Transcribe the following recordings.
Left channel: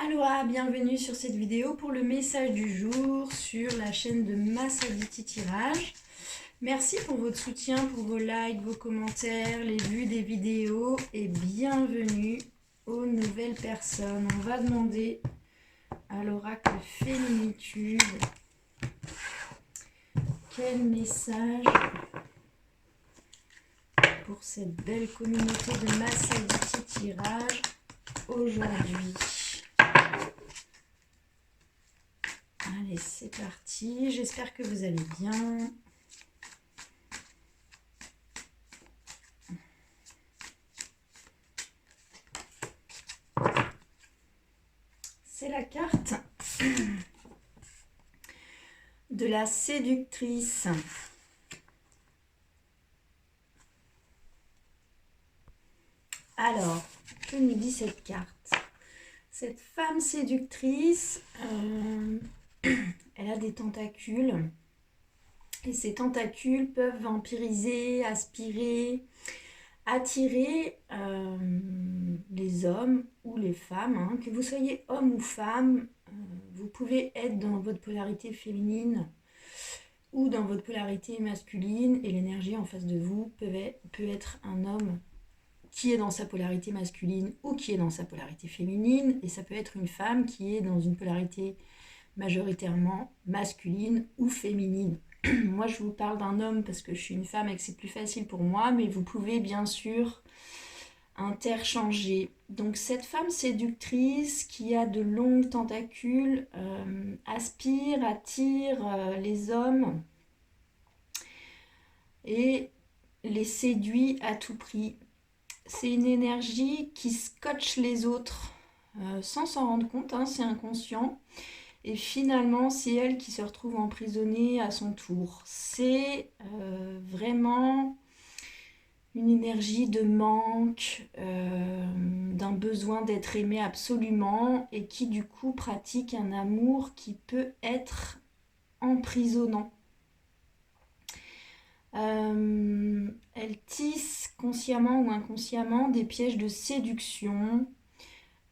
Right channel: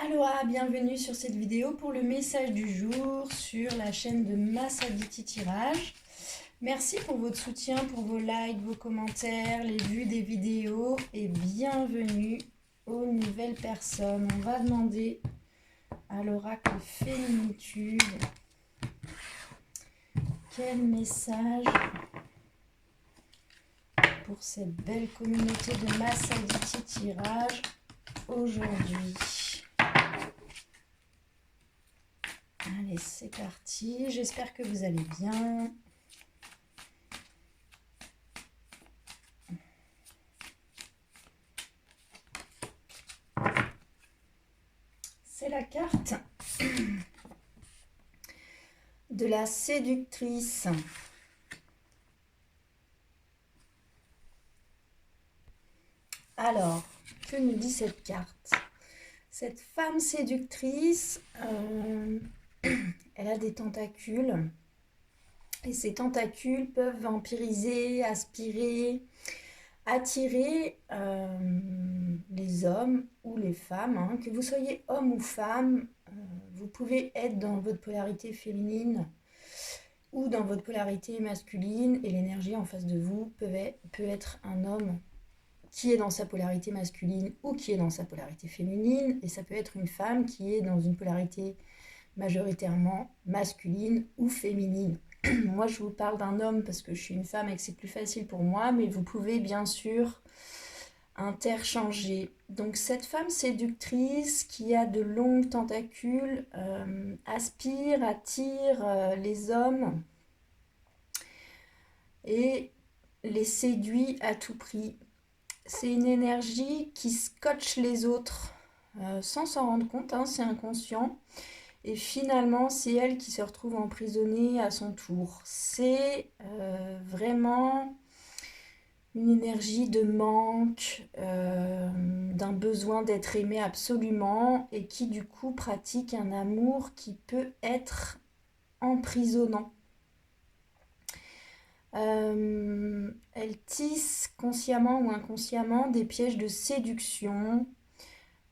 Aloha, bienvenue sur cette vidéo pour le message du jour sur la chaîne de Massaditi Tirage. Merci pour votre soutien, pour vos likes, vos commentaires, les vues des vidéos et bienvenue aux nouvelles personnes. On va demander à l'oracle Féminitude quel message pour cette belle communauté de Massaditi Tirage aujourd'hui. Allez, c'est parti. J'espère que vous allez bien. C'est la carte de la séductrice. Alors, que nous dit cette carte? Cette femme séductrice, elle a des tentacules. Et ces tentacules peuvent vampiriser, aspirer, attirer les hommes ou les femmes. Hein. Que vous soyez homme ou femme, vous pouvez être dans votre polarité féminine ou dans votre polarité masculine. Et l'énergie en face de vous peut être un homme qui est dans sa polarité masculine ou qui est dans sa polarité féminine. Et ça peut être une femme qui est dans une polarité majoritairement masculine ou féminine. Moi, je vous parle d'un homme parce que je suis une femme et que c'est plus facile pour moi, mais vous pouvez bien sûr interchanger. Donc, cette femme séductrice qui a de longues tentacules aspire, attire les hommes et les séduit à tout prix. C'est une énergie qui scotche les autres sans s'en rendre compte, hein, c'est inconscient. Et finalement, c'est elle qui se retrouve emprisonnée à son tour. C'est vraiment une énergie de manque, d'un besoin d'être aimé absolument et qui du coup pratique un amour qui peut être emprisonnant. Elle tisse consciemment ou inconsciemment des pièges de séduction.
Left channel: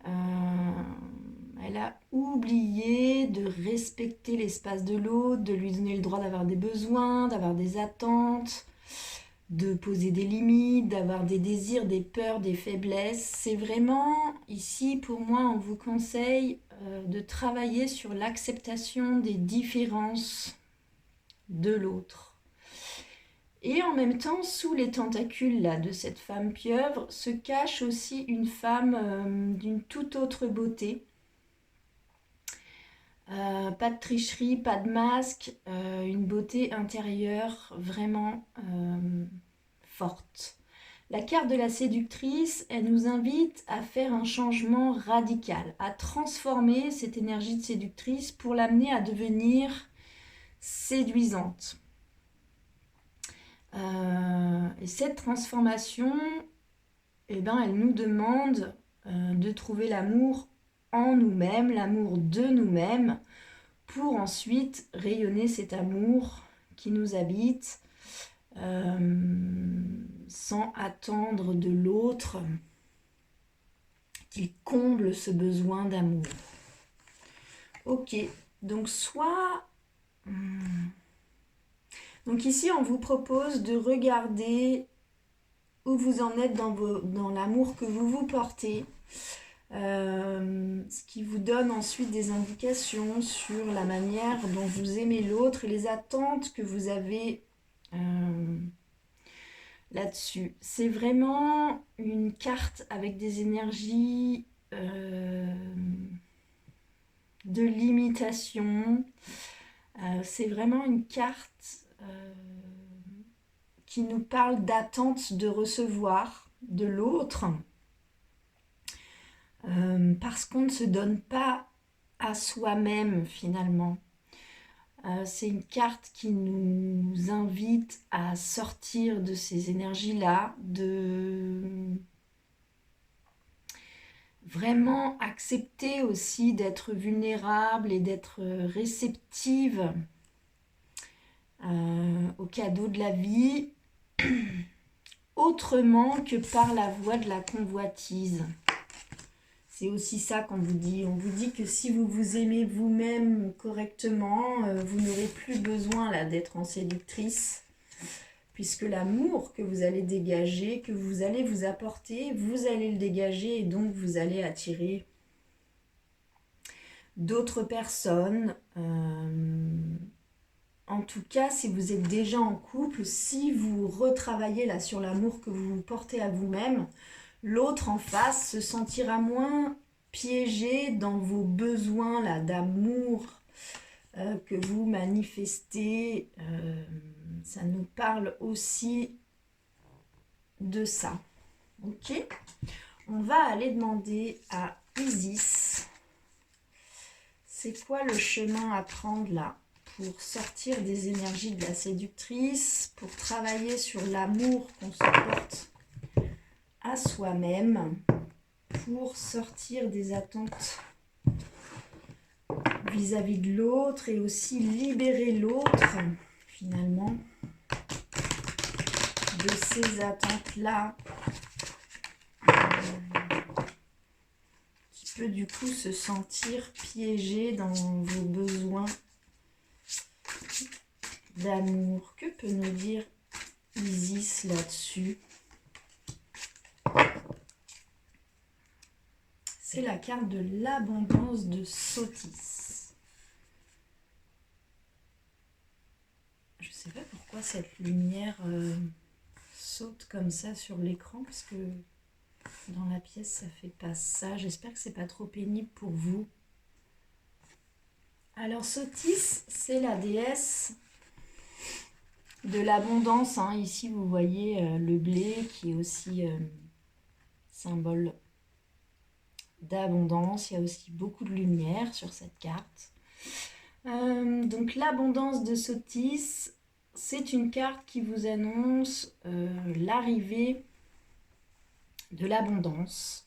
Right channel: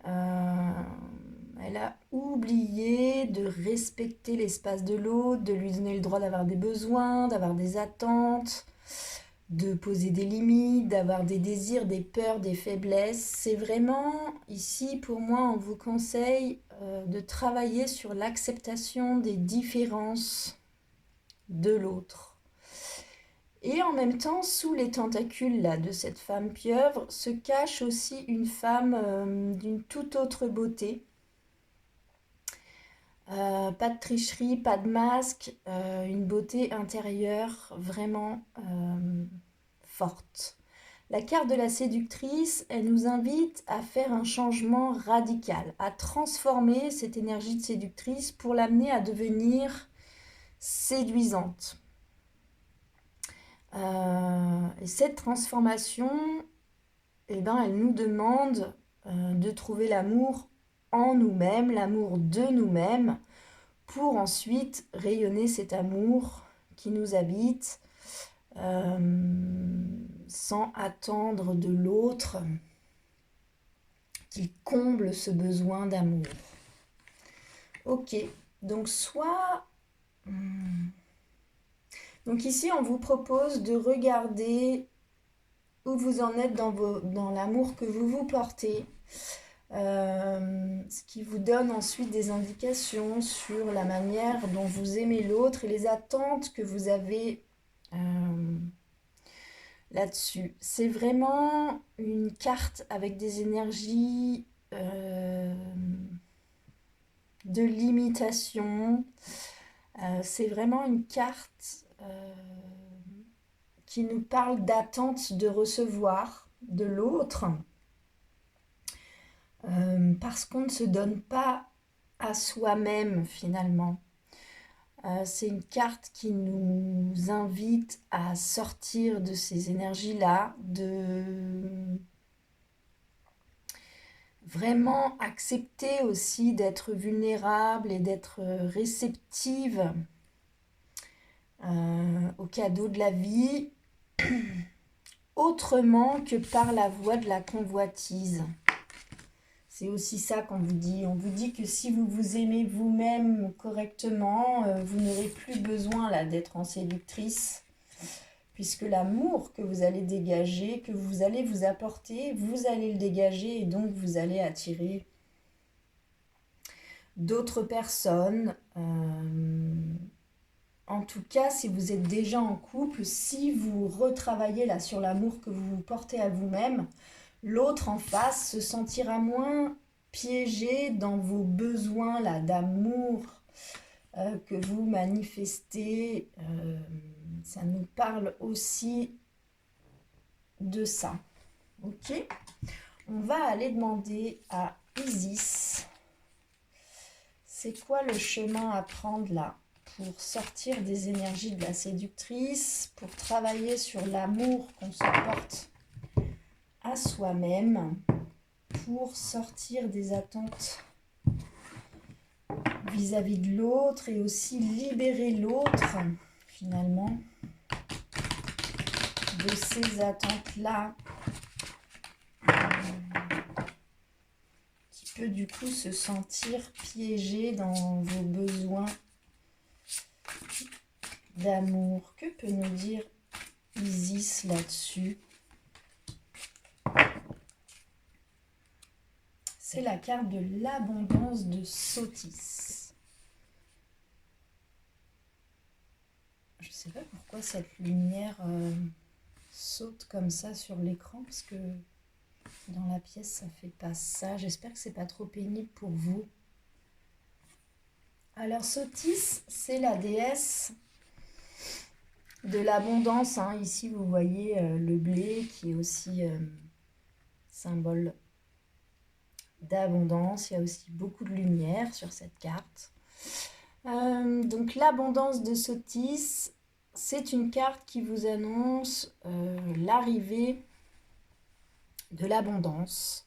Elle a oublié de respecter l'espace de l'autre, de lui donner le droit d'avoir des besoins, d'avoir des attentes, de poser des limites, d'avoir des désirs, des peurs, des faiblesses. C'est vraiment, ici, pour moi, on vous conseille de travailler sur l'acceptation des différences de l'autre. Et en même temps, sous les tentacules là, de cette femme pieuvre, se cache aussi une femme d'une toute autre beauté. Pas de tricherie, pas de masque, une beauté intérieure vraiment forte. La carte de la séductrice, elle nous invite à faire un changement radical, à transformer cette énergie de séductrice pour l'amener à devenir séduisante. Et cette transformation, eh ben, elle nous demande de trouver l'amour en nous-mêmes, l'amour de nous-mêmes, pour ensuite rayonner cet amour qui nous habite sans attendre de l'autre qu'il comble ce besoin d'amour. Ok, donc donc ici, on vous propose de regarder où vous en êtes dans l'amour que vous vous portez, ce qui vous donne ensuite des indications sur la manière dont vous aimez l'autre et les attentes que vous avez là-dessus. C'est vraiment une carte avec des énergies de limitation. C'est vraiment une carte qui nous parle d'attente de recevoir de l'autre parce qu'on ne se donne pas à soi-même finalement. C'est une carte qui nous invite à sortir de ces énergies-là, de vraiment accepter aussi d'être vulnérable et d'être réceptive aux cadeaux de la vie, autrement que par la voie de la convoitise. C'est aussi ça qu'on vous dit. On vous dit que si vous vous aimez vous-même correctement, vous n'aurez plus besoin là d'être en séductrice, puisque l'amour que vous allez dégager, que vous allez vous apporter, vous allez le dégager et donc vous allez attirer d'autres personnes. En tout cas, si vous êtes déjà en couple, si vous retravaillez là sur l'amour que vous portez à vous-même, l'autre en face se sentira moins piégé dans vos besoins là d'amour que vous manifestez. Ça nous parle aussi de ça. Ok, on va aller demander à Isis, c'est quoi le chemin à prendre là pour sortir des énergies de la séductrice, pour travailler sur l'amour qu'on se porte à soi-même, pour sortir des attentes vis-à-vis de l'autre et aussi libérer l'autre finalement de ces attentes-là qui peut du coup se sentir piégé dans vos besoins d'amour. Que peut nous dire Isis là-dessus? C'est la carte de l'abondance de Sotis. Je ne sais pas pourquoi cette lumière saute comme ça sur l'écran, parce que dans la pièce ça fait pas ça. J'espère que c'est pas trop pénible pour vous. Alors Sotis, c'est la déesse de l'abondance. Hein. Ici vous voyez le blé qui est aussi symbole d'abondance. Il y a aussi beaucoup de lumière sur cette carte. Donc l'abondance de Sotis, c'est une carte qui vous annonce l'arrivée de l'abondance.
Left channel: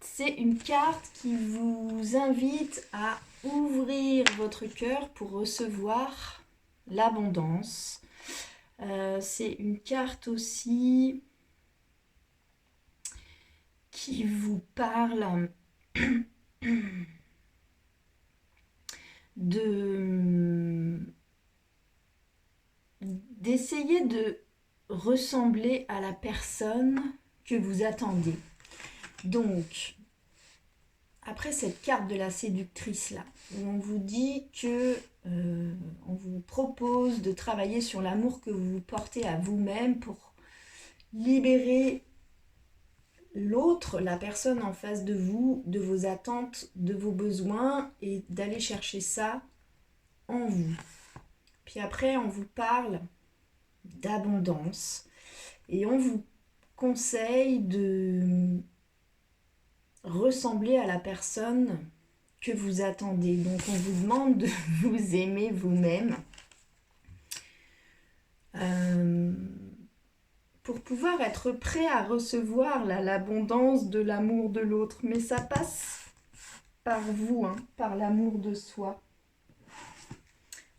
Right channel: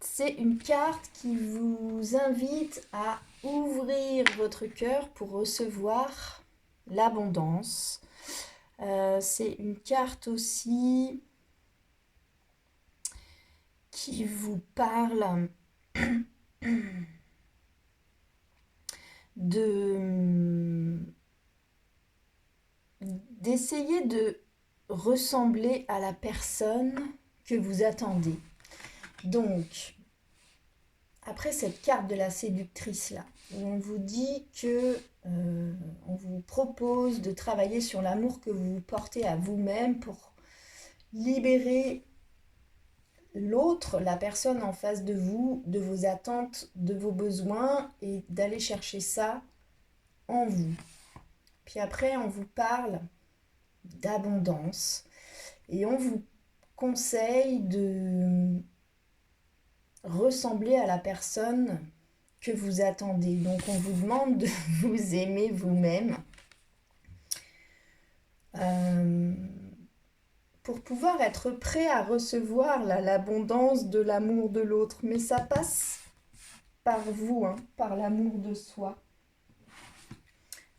C'est une carte qui vous invite à ouvrir votre cœur pour recevoir l'abondance. C'est une carte aussi qui vous parle d'essayer de ressembler à la personne que vous attendez. Donc, après cette carte de la séductrice là, où on vous dit que on vous propose de travailler sur l'amour que vous portez à vous-même pour libérer l'autre, la personne en face de vous, de vos attentes, de vos besoins et d'aller chercher ça en vous. Puis après, on vous parle d'abondance et on vous conseille de ressembler à la personne que vous attendez. Donc on vous demande de vous aimer vous-même pour pouvoir être prêt à recevoir l'abondance de l'amour de l'autre. Mais ça passe par vous, hein, par l'amour de soi.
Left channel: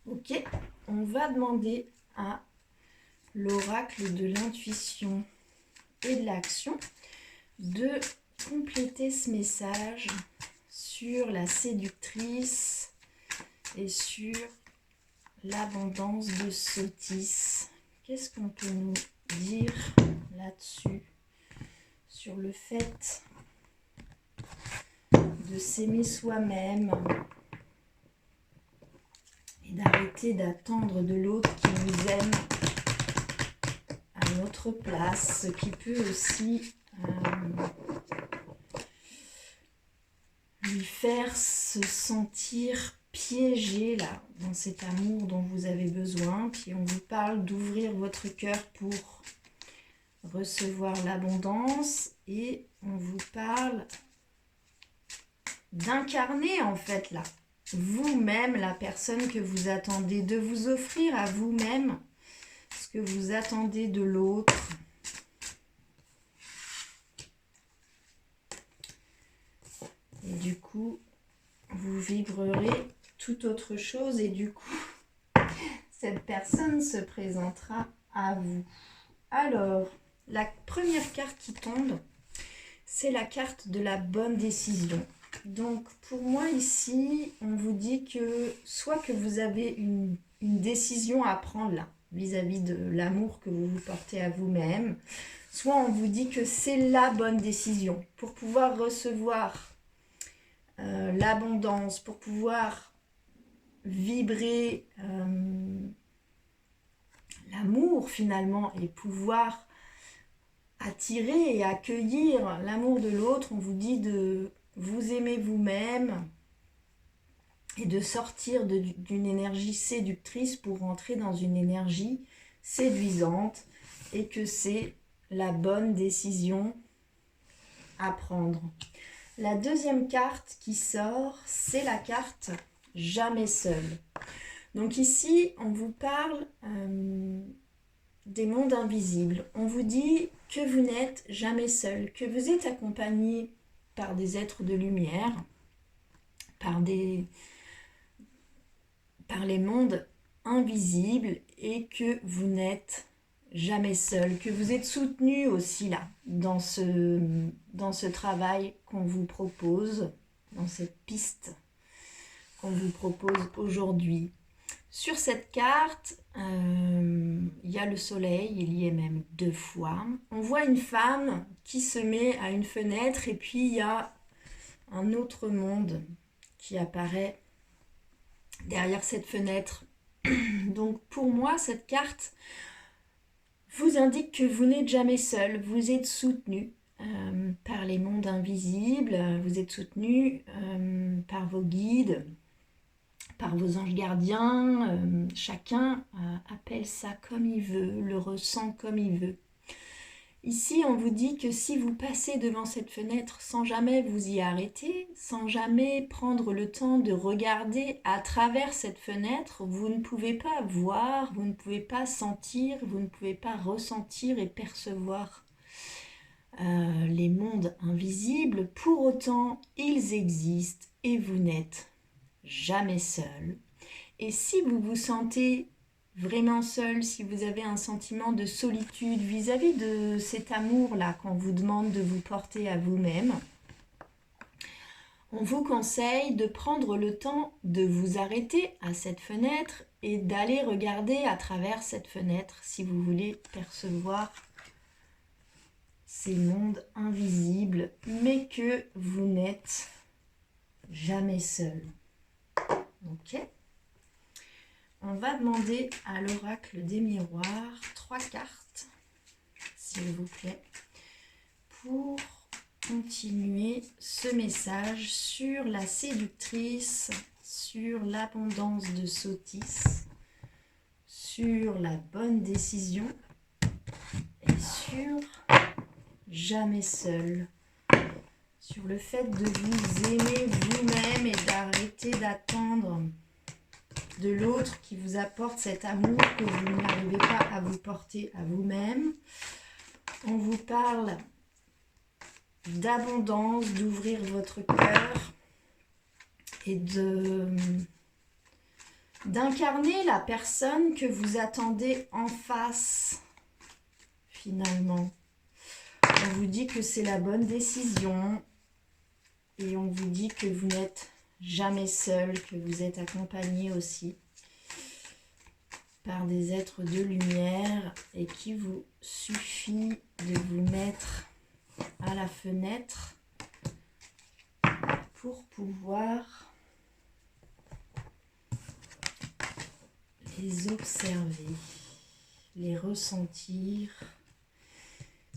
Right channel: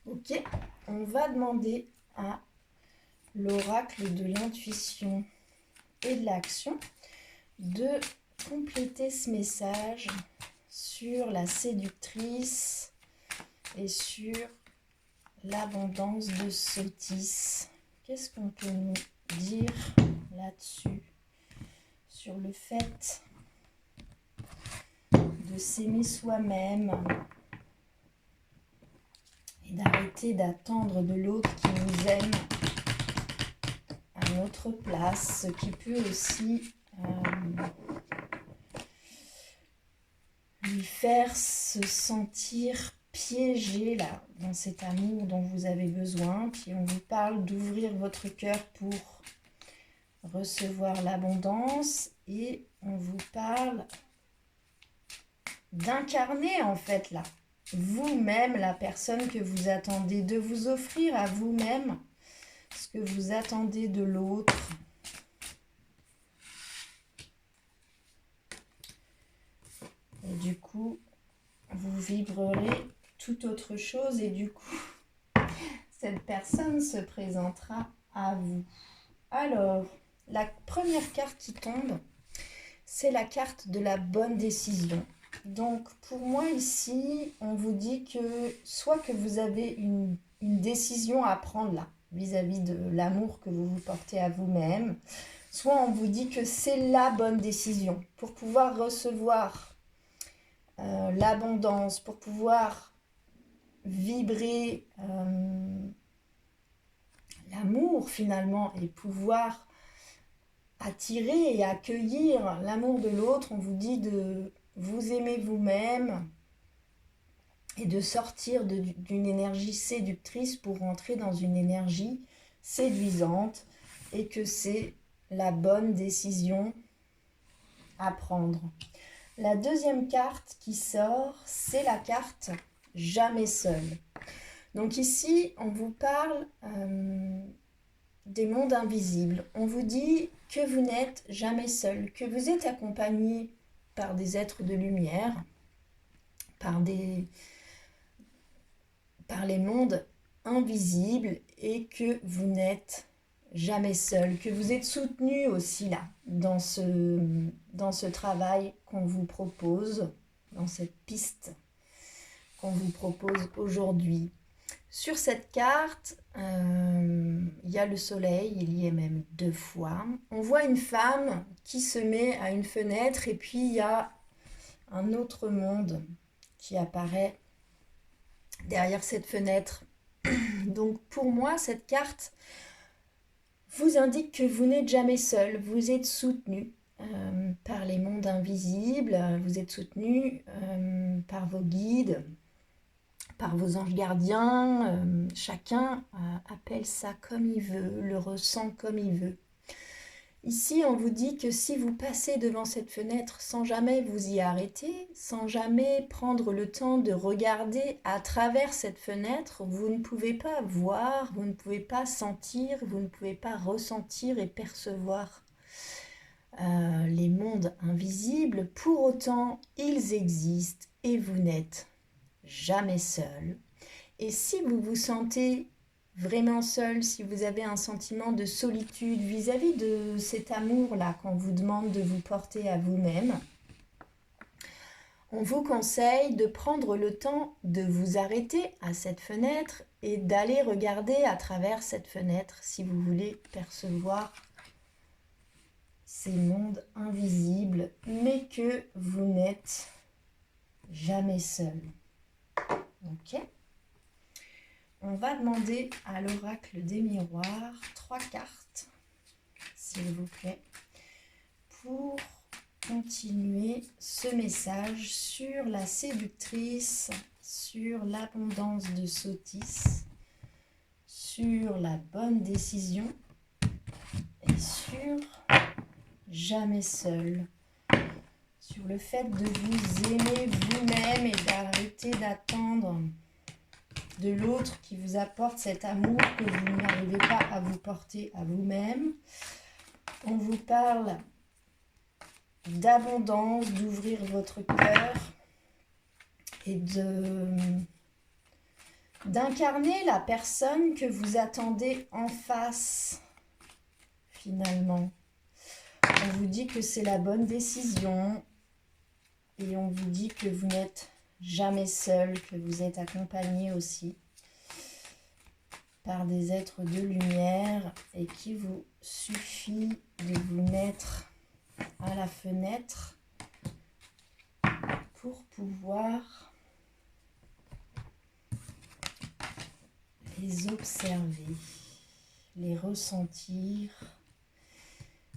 Ok, on va demander à l'oracle de l'intuition et de l'action de compléter ce message sur la séductrice et sur l'abondance de Sotis. Qu'est-ce qu'on peut nous dire là-dessus, sur le fait de s'aimer soi-même et d'arrêter d'attendre de l'autre qui nous aime à notre place, ce qui peut aussi lui faire se sentir piégé là, dans cet amour dont vous avez besoin. Puis on vous parle d'ouvrir votre cœur pour recevoir l'abondance et on vous parle d'incarner en fait là, vous-même, la personne que vous attendez, de vous offrir à vous-même ce que vous attendez de l'autre. Et du coup, vous vibrerez tout autre chose et du coup, cette personne se présentera à vous. Alors, La première carte qui tombe, c'est la carte de la bonne décision. Donc pour moi ici, on vous dit que soit que vous avez une décision à prendre là, vis-à-vis de l'amour que vous vous portez à vous-même, soit on vous dit que c'est la bonne décision pour pouvoir recevoir l'abondance, pour pouvoir vibrer l'amour finalement et pouvoir attirer et accueillir l'amour de l'autre. On vous dit de vous aimer vous-même et de sortir d'une énergie séductrice pour rentrer dans une énergie séduisante et que c'est la bonne décision à prendre. La deuxième carte qui sort, c'est la carte jamais seul. Donc ici, on vous parle des mondes invisibles. On vous dit que vous n'êtes jamais seul, que vous êtes accompagné par des êtres de lumière, par les mondes invisibles et que vous n'êtes jamais seul, que vous êtes soutenu aussi là, dans ce travail qu'on vous propose, dans cette piste qu'on vous propose aujourd'hui. Sur cette carte, il y a le soleil, il y est même 2 fois. On voit une femme qui se met à une fenêtre et puis il y a un autre monde qui apparaît derrière cette fenêtre. Donc pour moi, cette carte vous indique que vous n'êtes jamais seul, vous êtes soutenu par les mondes invisibles, vous êtes soutenu par vos guides, par vos anges gardiens, chacun appelle ça comme il veut, le ressent comme il veut. Ici, on vous dit que si vous passez devant cette fenêtre sans jamais vous y arrêter, sans jamais prendre le temps de regarder à travers cette fenêtre, vous ne pouvez pas voir, vous ne pouvez pas sentir, vous ne pouvez pas ressentir et percevoir les mondes invisibles. Pour autant, ils existent et vous n'êtes jamais seul. Et si vous vous sentez vraiment seul, si vous avez un sentiment de solitude vis-à-vis de cet amour-là qu'on vous demande de vous porter à vous-même, on vous conseille de prendre le temps de vous arrêter à cette fenêtre et d'aller regarder à travers cette fenêtre si vous voulez percevoir ces mondes invisibles, mais que vous n'êtes jamais seul. Ok ? On va demander à l'oracle des miroirs 3 cartes, s'il vous plaît, pour continuer ce message sur la séductrice, sur l'abondance de Sotis, sur la bonne décision et sur jamais seul, sur le fait de vous aimer vous-même et d'arrêter d'attendre de l'autre qui vous apporte cet amour que vous n'arrivez pas à vous porter à vous-même. On vous parle d'abondance, d'ouvrir votre cœur et d'incarner la personne que vous attendez en face, finalement. On vous dit que c'est la bonne décision et on vous dit que vous n'êtes jamais seul, que vous êtes accompagné aussi par des êtres de lumière et qu'il vous suffit de vous mettre à la fenêtre pour pouvoir les observer, les ressentir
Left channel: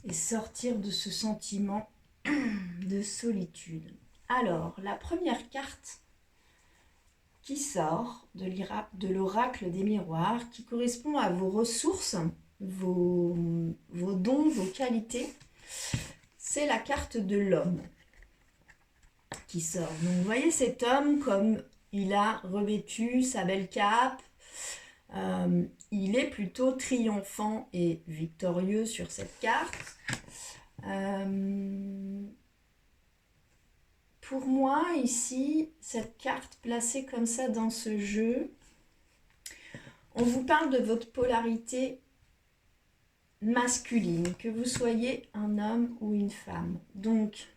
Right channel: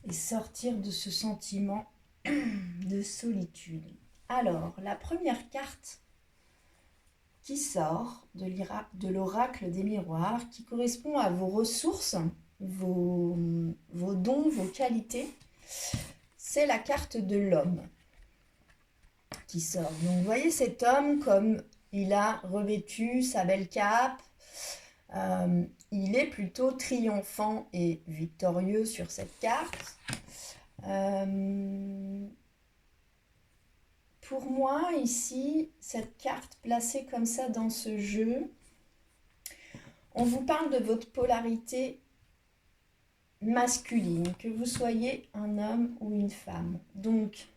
et sortir de ce sentiment de solitude. Alors, la première carte qui sort de l'oracle des miroirs, qui correspond à vos ressources, vos dons, vos qualités, c'est la carte de l'homme qui sort. Donc, vous voyez cet homme comme il a revêtu sa belle cape, il est plutôt triomphant et victorieux sur cette carte. Pour moi, ici, cette carte placée comme ça dans ce jeu, on vous parle de votre polarité masculine, que vous soyez un homme ou une femme. Donc,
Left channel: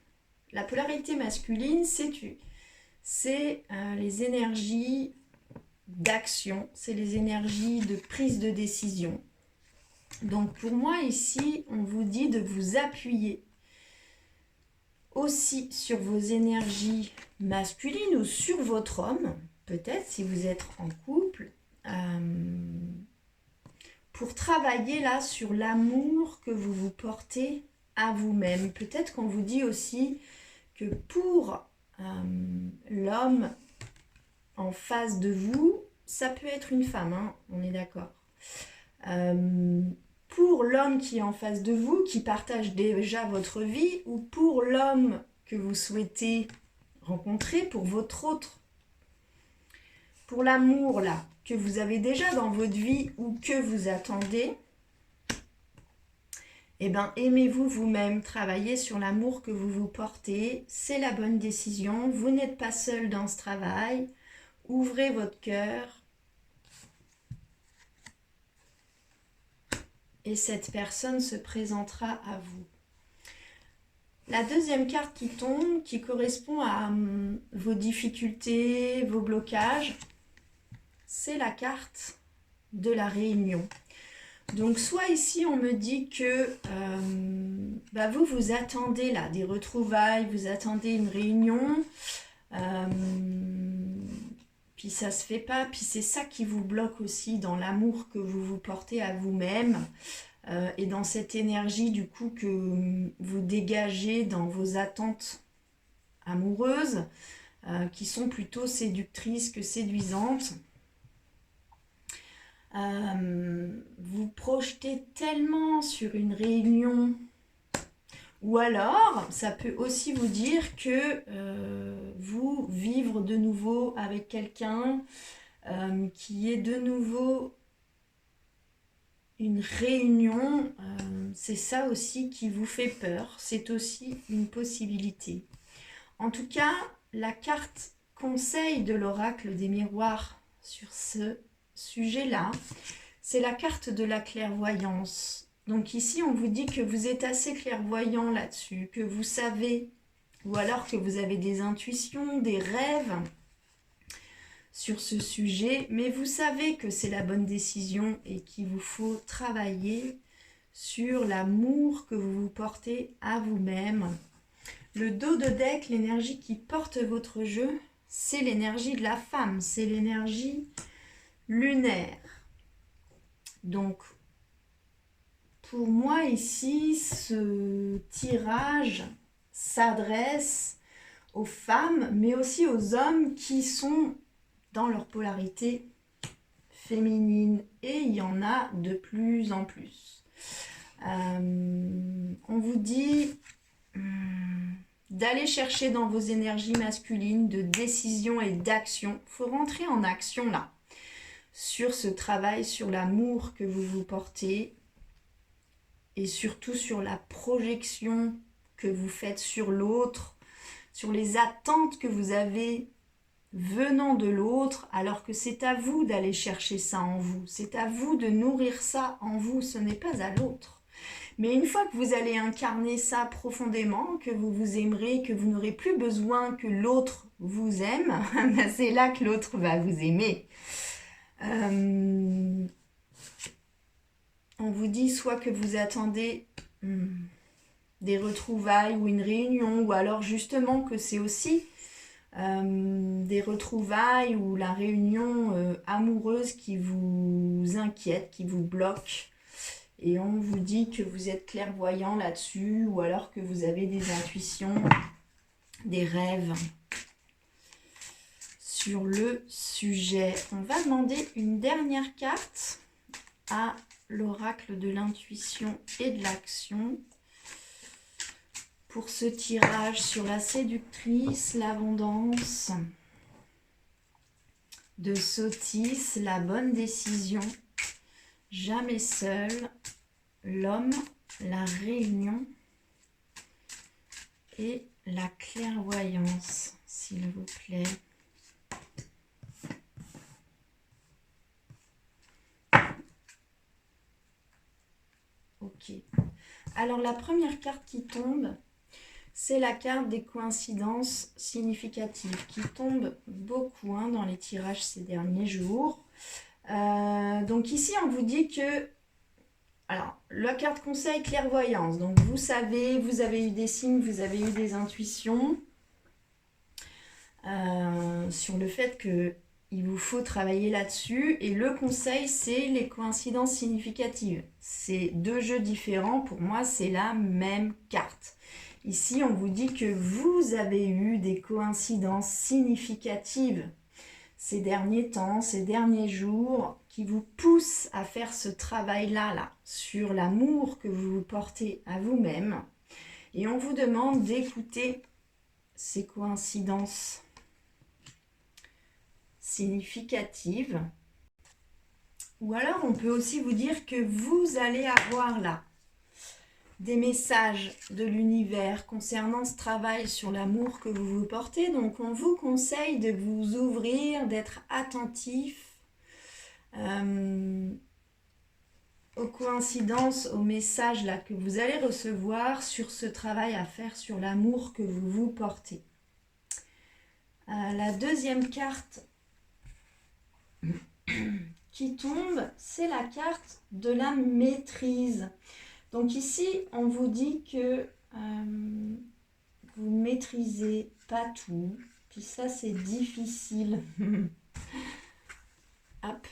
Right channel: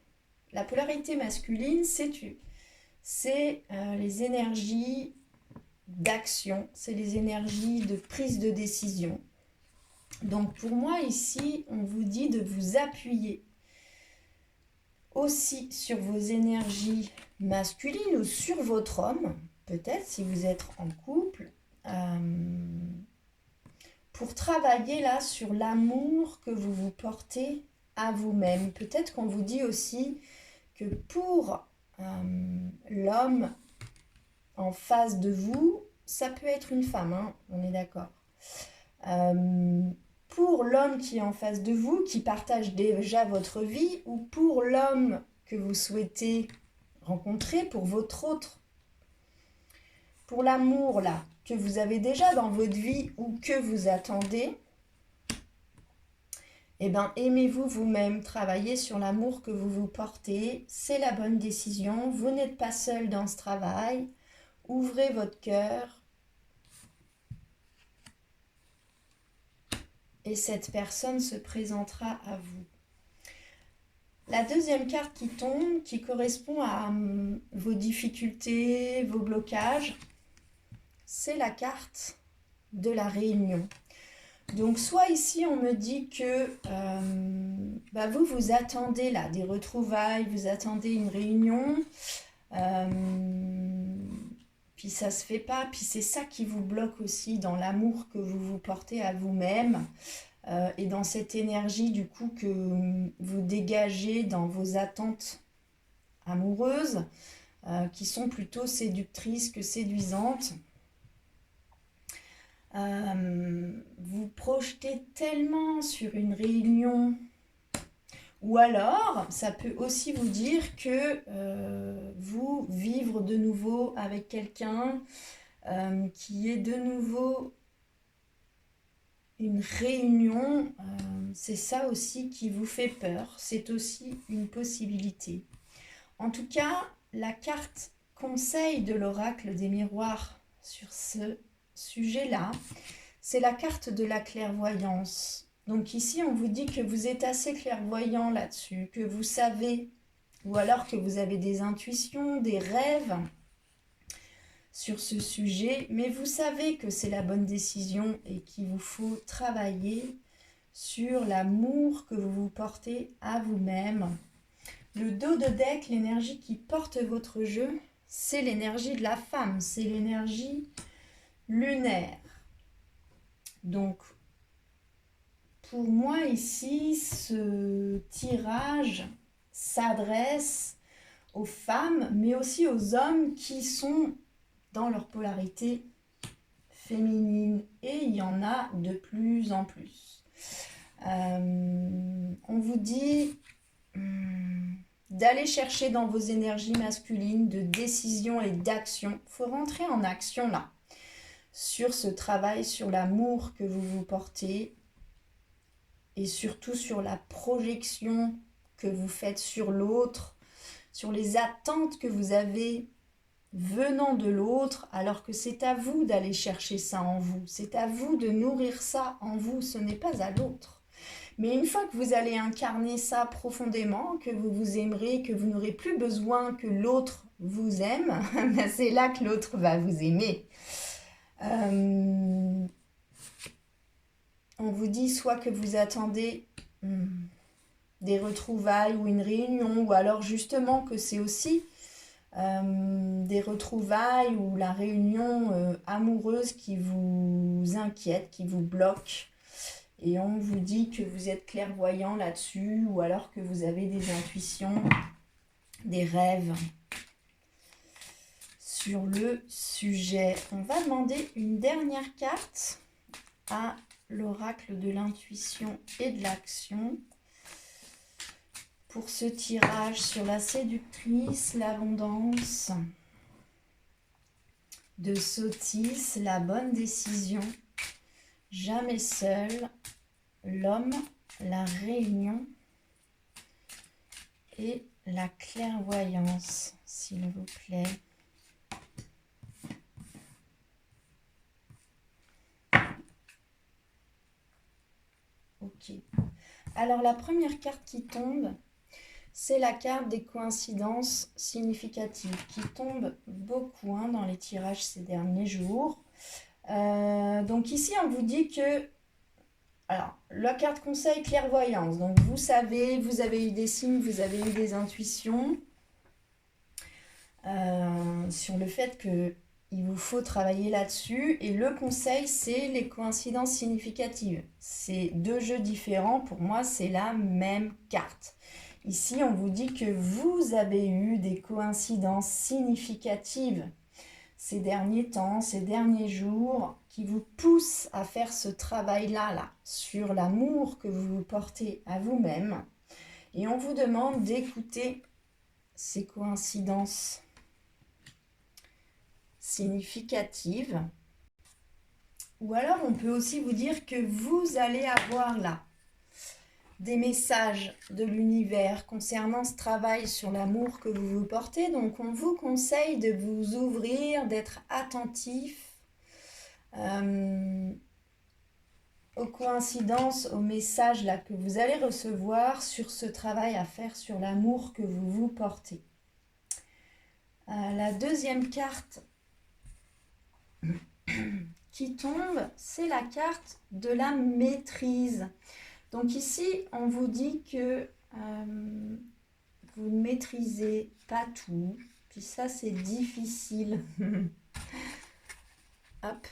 la polarité masculine, c'est les énergies d'action, c'est les énergies de prise de décision. Donc, pour moi, ici, on vous dit de vous appuyer aussi sur vos énergies masculines ou sur votre homme, peut-être si vous êtes en couple, pour travailler là sur l'amour que vous vous portez à vous-même. Peut-être qu'on vous dit aussi que pour l'homme en face de vous, ça peut être une femme, hein, on est d'accord. Pour l'homme qui est en face de vous, qui partage déjà votre vie, ou pour l'homme que vous souhaitez rencontrer, pour votre autre, pour l'amour là, que vous avez déjà dans votre vie ou que vous attendez, eh bien, aimez-vous vous-même, travaillez sur l'amour que vous vous portez, c'est la bonne décision, vous n'êtes pas seul dans ce travail, ouvrez votre cœur et cette personne se présentera à vous. La deuxième carte qui tombe, qui correspond à vos difficultés, vos blocages, c'est la carte de la réunion. Donc, soit ici, on me dit que vous attendez là des retrouvailles, vous attendez une réunion, puis ça ne se fait pas, puis c'est ça qui vous bloque aussi dans l'amour que vous vous portez à vous-même et dans cette énergie du coup que vous dégagez dans vos attentes amoureuses qui sont plutôt séductrices que séduisantes. Vous projetez tellement sur une réunion, ou alors ça peut aussi vous dire que vous vivre de nouveau avec quelqu'un qui est de nouveau une réunion, c'est ça aussi qui vous fait peur, c'est aussi une possibilité. En tout cas, la carte conseil de l'oracle des miroirs sur ce sujet-là, c'est la carte de la clairvoyance. Donc ici, on vous dit que vous êtes assez clairvoyant là-dessus, que vous savez, ou alors que vous avez des intuitions, des rêves sur ce sujet, mais vous savez que c'est la bonne décision et qu'il vous faut travailler sur l'amour que vous vous portez à vous-même. Le dos de deck, l'énergie qui porte votre jeu, c'est l'énergie de la femme, c'est l'énergie lunaire. Donc, pour moi ici, ce tirage s'adresse aux femmes, mais aussi aux hommes qui sont dans leur polarité féminine. Et il y en a de plus en plus. On vous dit d'aller chercher dans vos énergies masculines de décision et d'action. Il faut rentrer en action là, sur ce travail, sur l'amour que vous vous portez et surtout sur la projection que vous faites sur l'autre, sur les attentes que vous avez venant de l'autre, alors que c'est à vous d'aller chercher ça en vous. C'est à vous de nourrir ça en vous, ce n'est pas à l'autre. Mais une fois que vous allez incarner ça profondément, que vous vous aimerez, que vous n'aurez plus besoin que l'autre vous aime, c'est là que l'autre va vous aimer. On vous dit soit que vous attendez des retrouvailles ou une réunion, ou alors justement que c'est aussi des retrouvailles ou la réunion amoureuse qui vous inquiète, qui vous bloque. Et on vous dit que vous êtes clairvoyant là-dessus, ou alors que vous avez des intuitions, des rêves sur le sujet. On va demander une dernière carte à l'oracle de l'intuition et de l'action pour ce tirage sur la séductrice, l'abondance, de Sotis, la bonne décision, jamais seul, l'homme, la réunion et la clairvoyance, s'il vous plaît. Ok. Alors la première carte qui tombe, c'est la carte des coïncidences significatives qui tombe beaucoup dans les tirages ces derniers jours. Donc ici, on vous dit que... Alors, la carte conseil clairvoyance. Donc vous savez, vous avez eu des signes, vous avez eu des intuitions sur le fait que il vous faut travailler là-dessus. Et le conseil, c'est les coïncidences significatives. C'est deux jeux différents. Pour moi, c'est la même carte. Ici, on vous dit que vous avez eu des coïncidences significatives ces derniers temps, ces derniers jours, qui vous poussent à faire ce travail-là, sur l'amour que vous portez à vous-même. Et on vous demande d'écouter ces coïncidences significatives. Ou alors, on peut aussi vous dire que vous allez avoir là des messages de l'univers concernant ce travail sur l'amour que vous vous portez. Donc, on vous conseille de vous ouvrir, d'être attentif aux coïncidences, aux messages là que vous allez recevoir sur ce travail à faire sur l'amour que vous vous portez. La deuxième carte qui tombe, c'est la carte de la maîtrise. Donc ici, on vous dit que vous ne maîtrisez pas tout. Puis ça, c'est difficile. Hop.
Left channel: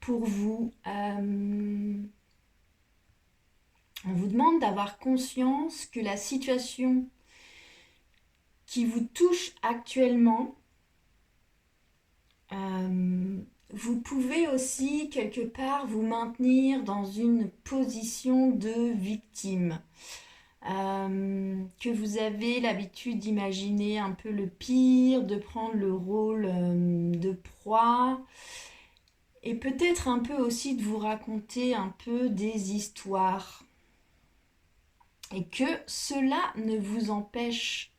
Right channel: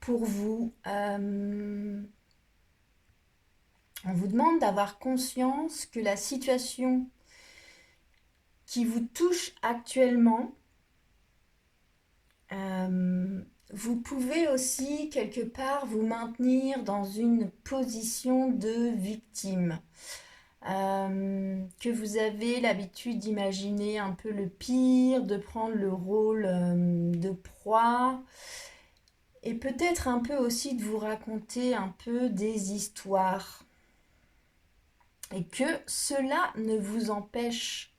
Pour vous. On vous demande d'avoir conscience que la situation qui vous touche actuellement, vous pouvez aussi quelque part vous maintenir dans une position de victime. Que vous avez l'habitude d'imaginer un peu le pire, de prendre le rôle de proie, et peut-être un peu aussi de vous raconter un peu des histoires. Et que cela ne vous empêche,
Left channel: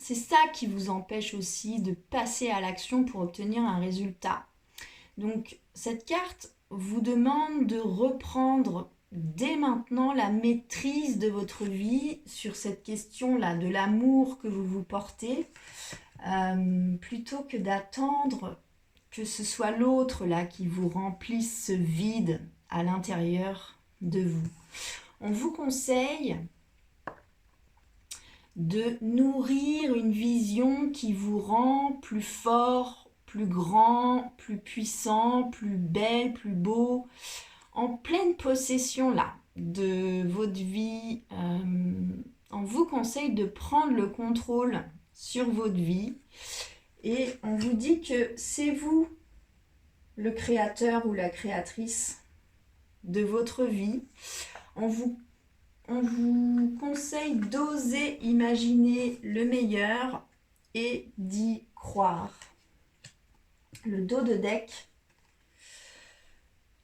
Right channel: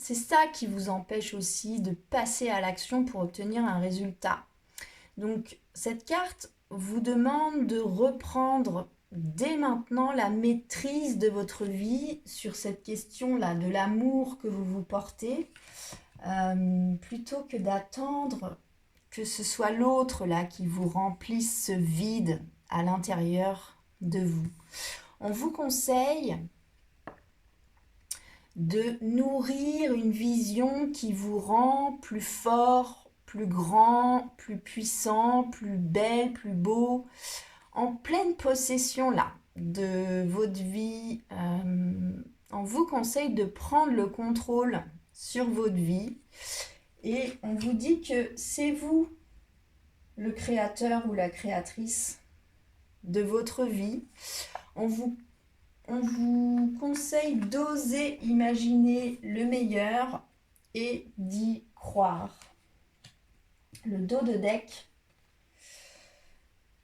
c'est ça qui vous empêche aussi de passer à l'action pour obtenir un résultat. Donc cette carte vous demande de reprendre dès maintenant la maîtrise de votre vie sur cette question-là, de l'amour que vous vous portez, plutôt que d'attendre que ce soit l'autre là qui vous remplisse ce vide à l'intérieur de vous. On vous conseille de nourrir une vision qui vous rend plus fort, plus grand, plus puissant, plus belle, plus beau, en pleine possession là de votre vie. On vous conseille de prendre le contrôle sur votre vie et on vous dit que c'est vous le créateur ou la créatrice de votre vie. On vous conseille d'oser imaginer le meilleur et d'y croire. Le dos de deck,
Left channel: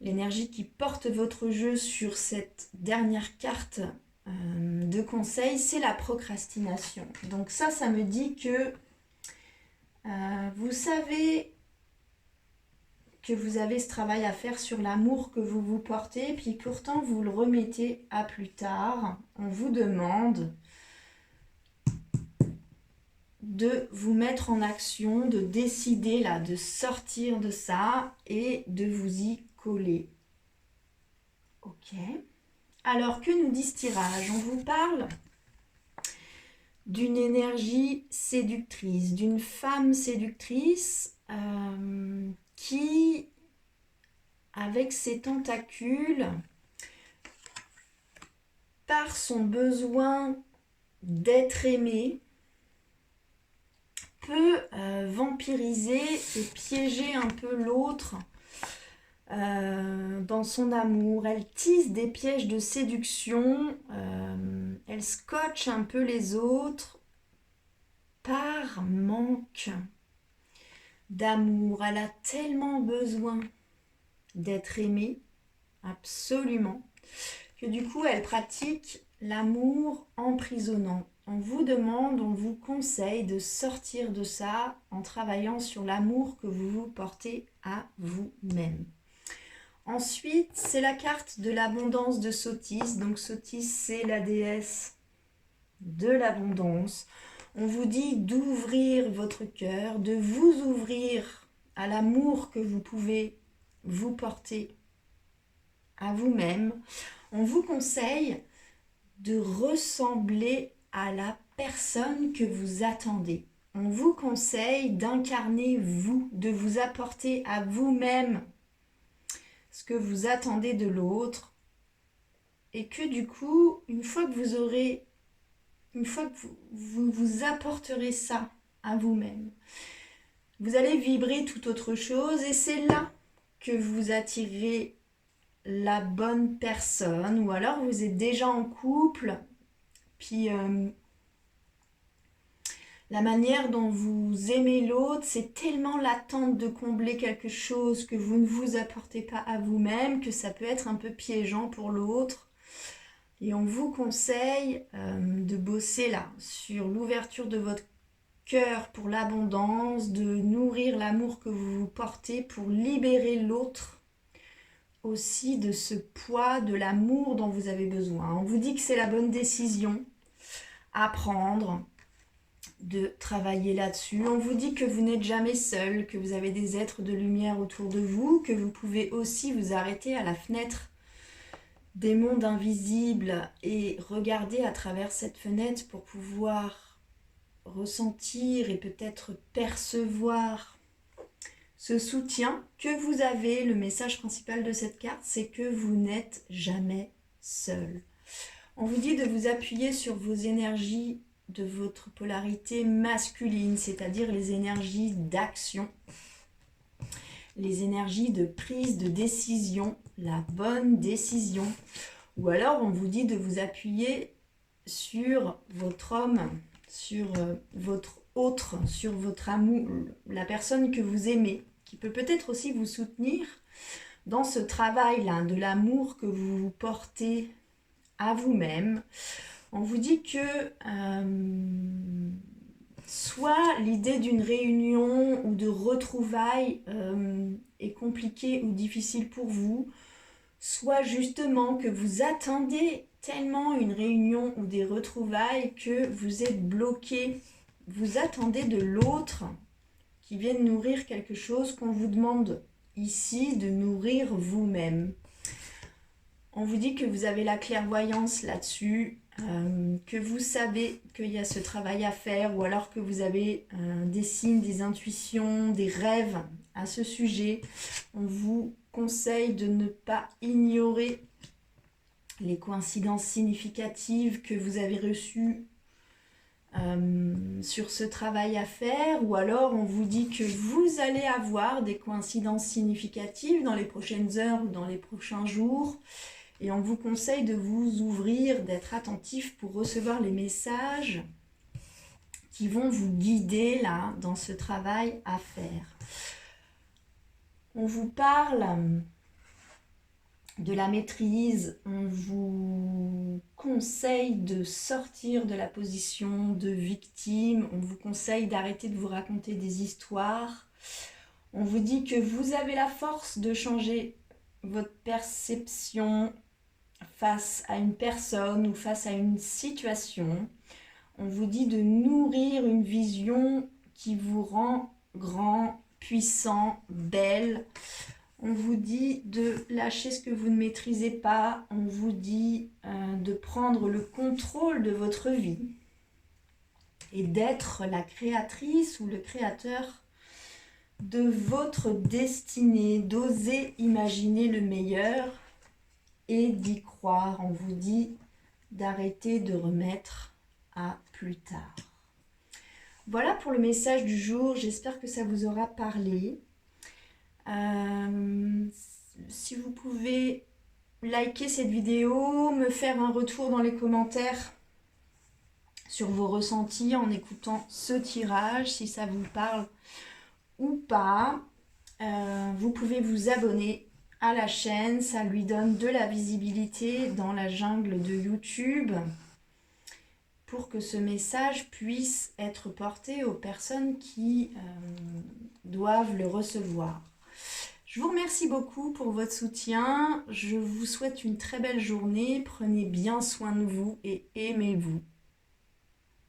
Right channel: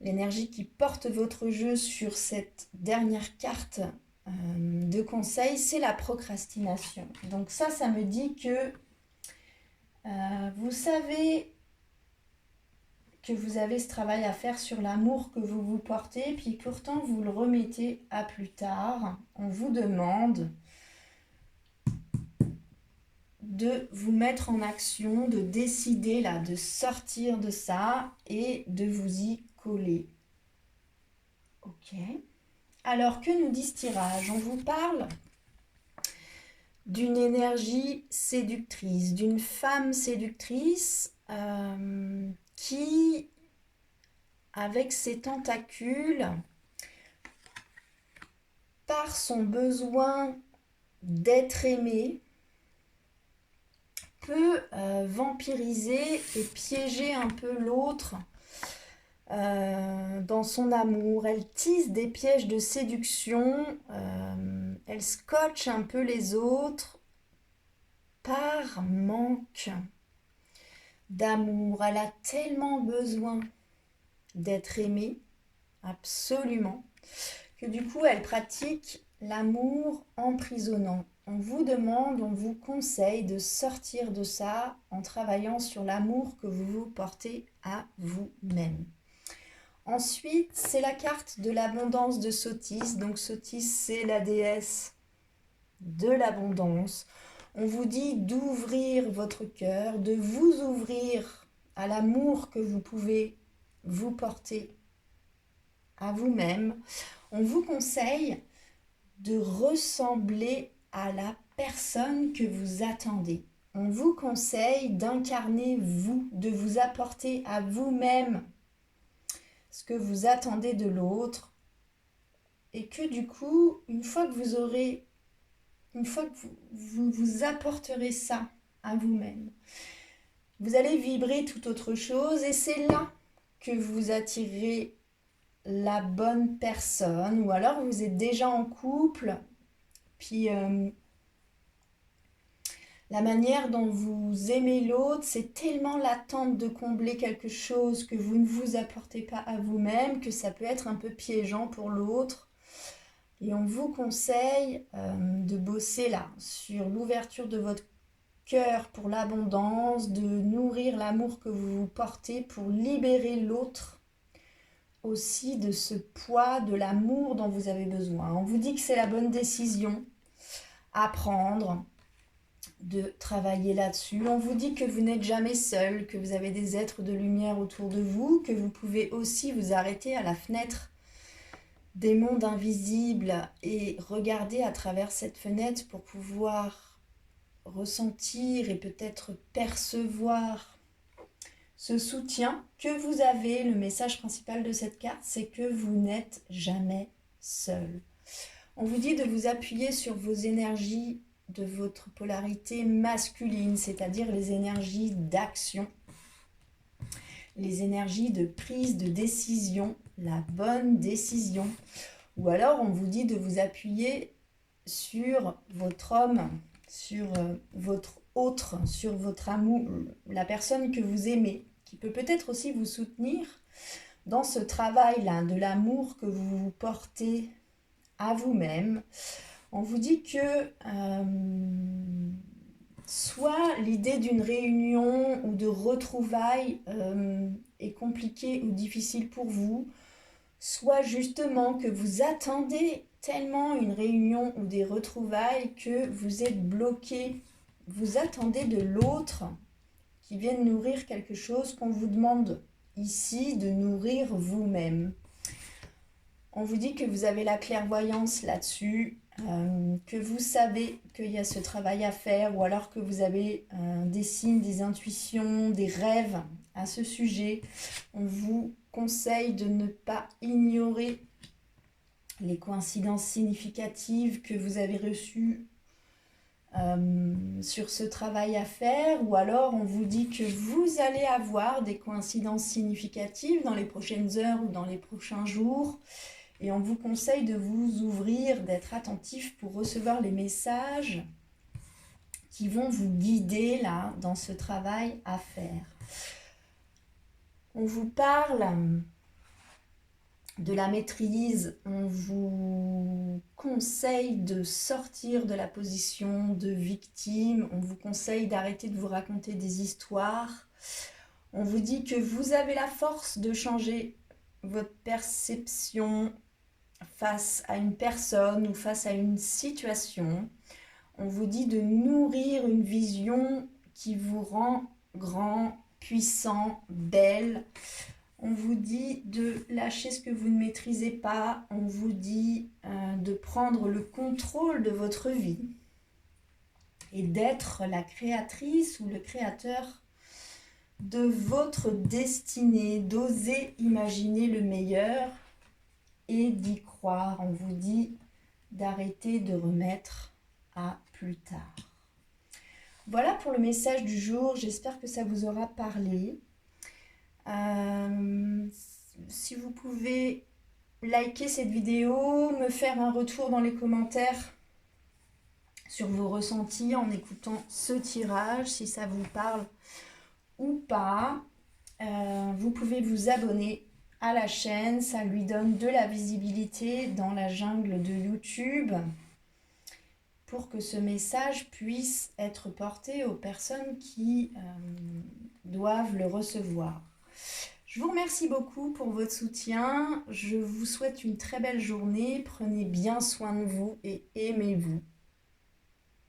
l'énergie qui porte votre jeu sur cette dernière carte de conseil, c'est la procrastination. Donc ça me dit que vous savez que vous avez ce travail à faire sur l'amour que vous vous portez, puis pourtant vous le remettez à plus tard. On vous demande de vous mettre en action, de décider là, de sortir de ça et de vous y coller. Ok. Alors que nous dit ce tirage? On vous parle d'une énergie séductrice, d'une femme séductrice qui, avec ses tentacules, par son besoin d'être aimée, peut vampiriser et piéger un peu l'autre dans son amour. Elle tisse des pièges de séduction, elle scotche un peu les autres par manque d'amour. Elle a tellement besoin d'être aimée, absolument, que du coup elle pratique l'amour emprisonnant. On vous demande, on vous conseille de sortir de ça en travaillant sur l'amour que vous vous portez à vous-même. Ensuite, c'est la carte de l'abondance de Sothis. Donc Sothis, c'est la déesse de l'abondance. On vous dit d'ouvrir votre cœur, de vous ouvrir à l'amour que vous pouvez vous porter à vous-même. On vous conseille de ressembler à la personne que vous attendez. On vous conseille d'incarner vous, de vous apporter à vous-même ce que vous attendez de l'autre. Et que du coup, une fois que vous apporterez ça à vous-même, vous allez vibrer tout autre chose et c'est là que vous attirez la bonne personne, ou alors vous êtes déjà en couple, puis la manière dont vous aimez l'autre, c'est tellement l'attente de combler quelque chose que vous ne vous apportez pas à vous-même que ça peut être un peu piégeant pour l'autre. Et on vous conseille de bosser là sur l'ouverture de votre cœur pour l'abondance, de nourrir l'amour que vous vous portez pour libérer l'autre aussi de ce poids de l'amour dont vous avez besoin. On vous dit que c'est la bonne décision à prendre, de travailler là-dessus. On vous dit que vous n'êtes jamais seul, que vous avez des êtres de lumière autour de vous, que vous pouvez aussi vous arrêter à la fenêtre des mondes invisibles et regarder à travers cette fenêtre pour pouvoir ressentir et peut-être percevoir ce soutien que vous avez. Le message principal de cette carte, c'est que vous n'êtes jamais seul. On vous dit de vous appuyer sur vos énergies de votre polarité masculine, c'est-à-dire les énergies d'action, les énergies de prise de décision, la bonne décision. Ou alors on vous dit de vous appuyer sur votre homme, sur votre autre, sur votre amour, la personne que vous aimez, qui peut peut-être aussi vous soutenir dans ce travail-là, de l'amour que vous portez à vous-même. On vous dit que soit l'idée d'une réunion ou de retrouvailles est compliquée ou difficile pour vous, soit justement que vous attendez tellement une réunion ou des retrouvailles que vous êtes bloqué. Vous attendez de l'autre qui vienne nourrir quelque chose qu'on vous demande ici de nourrir vous-même. On vous dit que vous avez la clairvoyance là-dessus, que vous savez qu'il y a ce travail à faire, ou alors que vous avez des signes, des intuitions, des rêves à ce sujet. On vous conseille de ne pas ignorer les coïncidences significatives que vous avez reçues sur ce travail à faire, ou alors on vous dit que vous allez avoir des coïncidences significatives dans les prochaines heures ou dans les prochains jours. Et on vous conseille de vous ouvrir, d'être attentif pour recevoir les messages qui vont vous guider là dans ce travail à faire. On vous parle de la maîtrise, on vous conseille de sortir de la position de victime, on vous conseille d'arrêter de vous raconter des histoires. On vous dit que vous avez la force de changer votre perception face à une personne ou face à une situation. On vous dit de nourrir une vision qui vous rend grand, puissant, belle. On vous dit de lâcher ce que vous ne maîtrisez pas. On vous dit de prendre le contrôle de votre vie et d'être la créatrice ou le créateur de votre destinée, d'oser imaginer le meilleur et d'y croire. On vous dit d'arrêter de remettre à plus tard. Voilà pour le message du jour. J'espère que ça vous aura parlé. Si vous pouvez liker cette vidéo, me faire un retour dans les commentaires sur vos ressentis en écoutant ce tirage, si ça vous parle ou pas. Vous pouvez vous abonner à la chaîne, ça lui donne de la visibilité dans la jungle de YouTube pour que ce message puisse être porté aux personnes qui doivent le recevoir. Je vous remercie beaucoup pour votre soutien. Je vous souhaite une très belle journée. Prenez bien soin de vous et aimez-vous.